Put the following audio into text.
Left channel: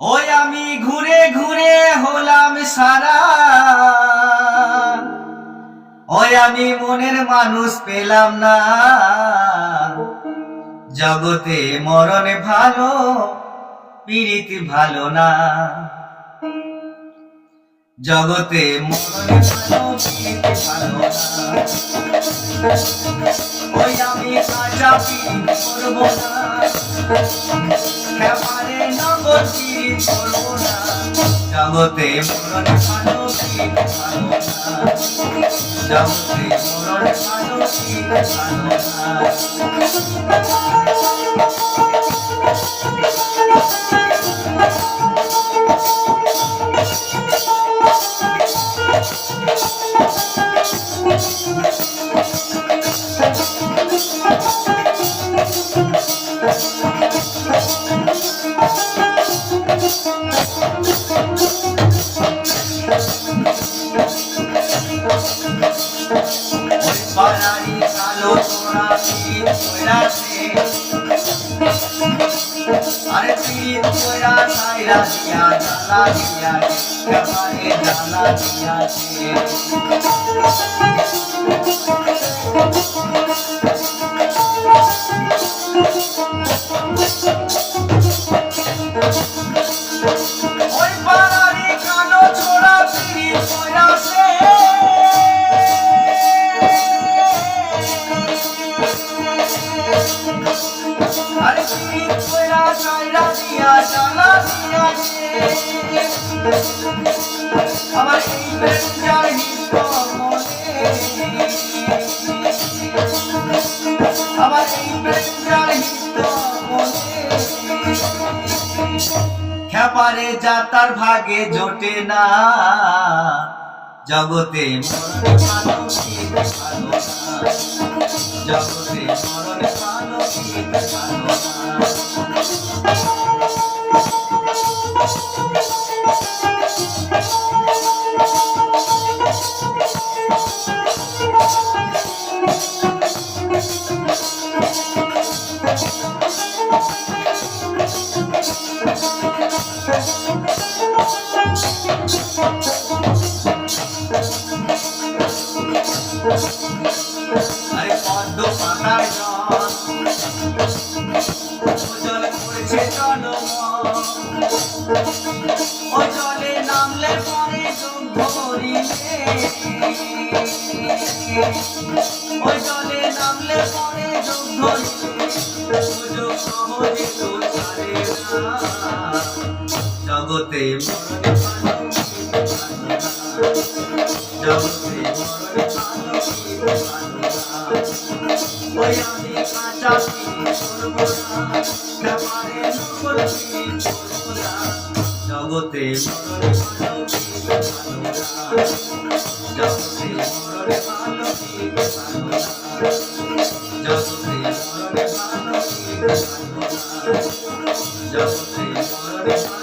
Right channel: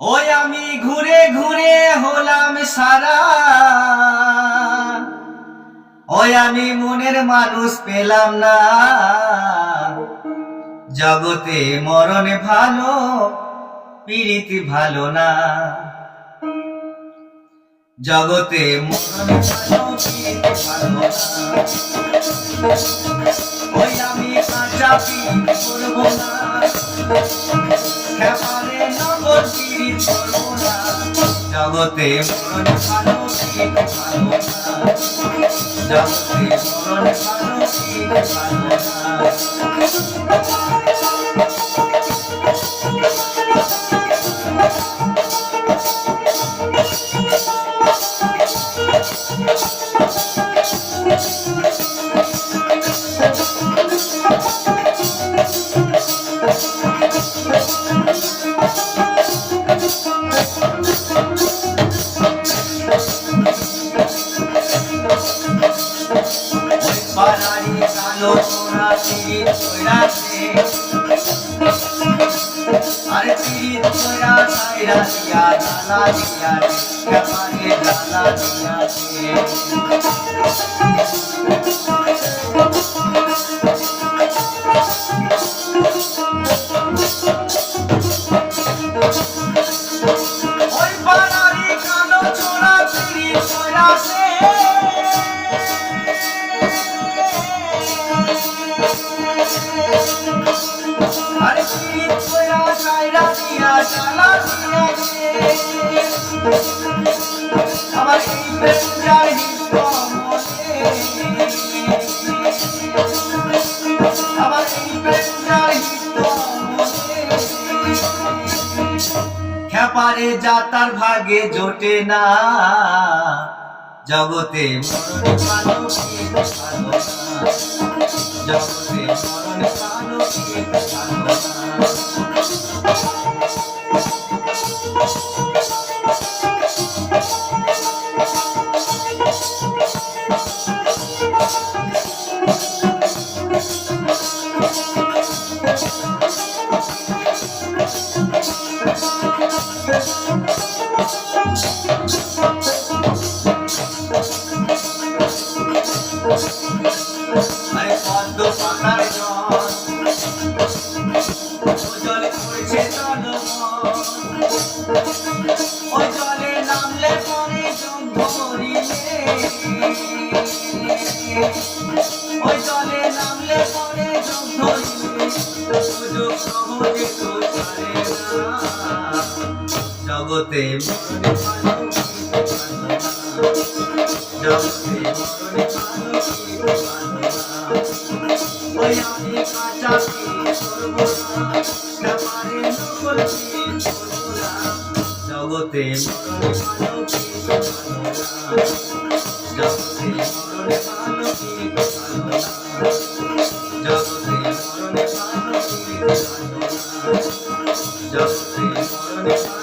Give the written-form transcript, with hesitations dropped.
ওই আমি ঘুরে ঘুরে হলাম সারা, ওই আমি মনের মানুষ পেলাম না। জগতে মরণ ভালো, পীড়িত ভালো না। জগতে মরণ ভালো, পীড়িত ভালো না। ওই আমি কাঁচা পীড়িত করব না, খেপারে নগর পীড়িত করব না। জগতে মরণ ভালো, পীড়িত ভালো না। জগতে মরণ ভালো, পীড়িত ভালো না। পাড়ারি কালো তোরা পীড়িত কইরাছে, আরে পীড়িত কইরা সাইরা দিয়া জ্বালা দিয়াছে, খেপারে জ্বালা দিয়াছে। ওই পাড়ারি কালো তোরা পীড়িত কইরাছে, আরে পীড়িত কইরা সাইরা দিয়া জ্বালা দিয়াছে। আমার এই প্রেম যার হিতর মনে, আমার এই প্রেম যার হিতর মনে। খেপারে যা তার ভাগে জোটে না। জগতে মরণ ভালো, পীড়িত ভালো না। জগতে মরণ ভালো, পীড়িত ভালো না। আরে পদ্ম পাতার জল পড়ছে জলমল, ওই জলে নামলে পরে যোগ ধরিলে, ওই জলে নামলে পরে যোগ ধরিলে, সুযোগ সহজে তো ছাড়ে না। জগতে মরণ ভালো, পীড়িত ভালো না। জগতে মরণ ভালো, পীড়িত ভালো না। ওই আমি কাঁচা পীড়িত করব না, খেপারে নকল পীড়িত করব না। জগতে মরণ ভালো, পীড়িত ভালো না। জগতে মরণ ভালো, পীড়িত ভালো না। জগতে মরণ ভালো, পীড়িত ভালো না। জগতে মরণ ভালো।